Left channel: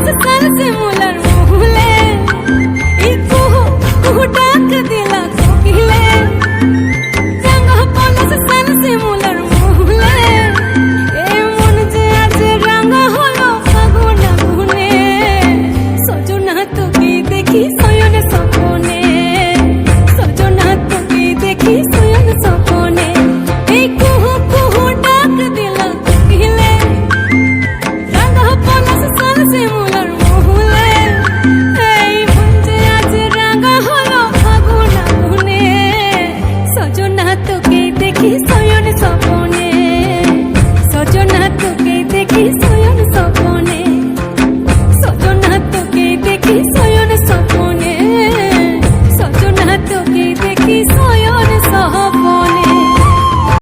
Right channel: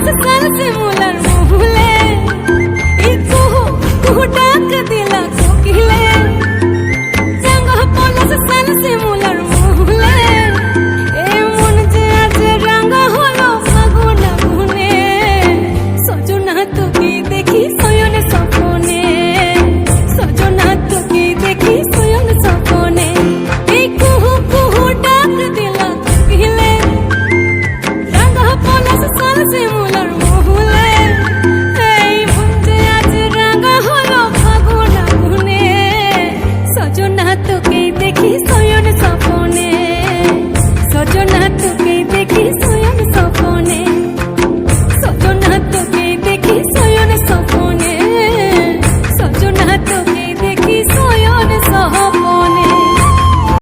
পলাশ সাল শিমুলার মহুলে এই কুহু কুহু ডাক দিলা কোকিলে রঙ পলাশ সাল শিমুলার মহুলে এ মন যে আজ রাঙা হলো ফাগুন আগুনে সজনা তোকে দেখি শয়ন স্বপনে সজনা তোকে দেখি শয়ন স্বপনে এই কুহু কুহু ডাক দিলা কোকিলে রঙ পলাশ সাল শিমুলার মহুলে এই মন যে আজ রাঙা হলো ফাগুন আগুনে সজনা তোকে দেখি শয়ন স্বপনে সজনা তোকে দেখি শয়ন স্বপনে সজনা তোকে দেখি শয়ন স্বপনে সজনা তোকে দেখি শয়ন স্বপনে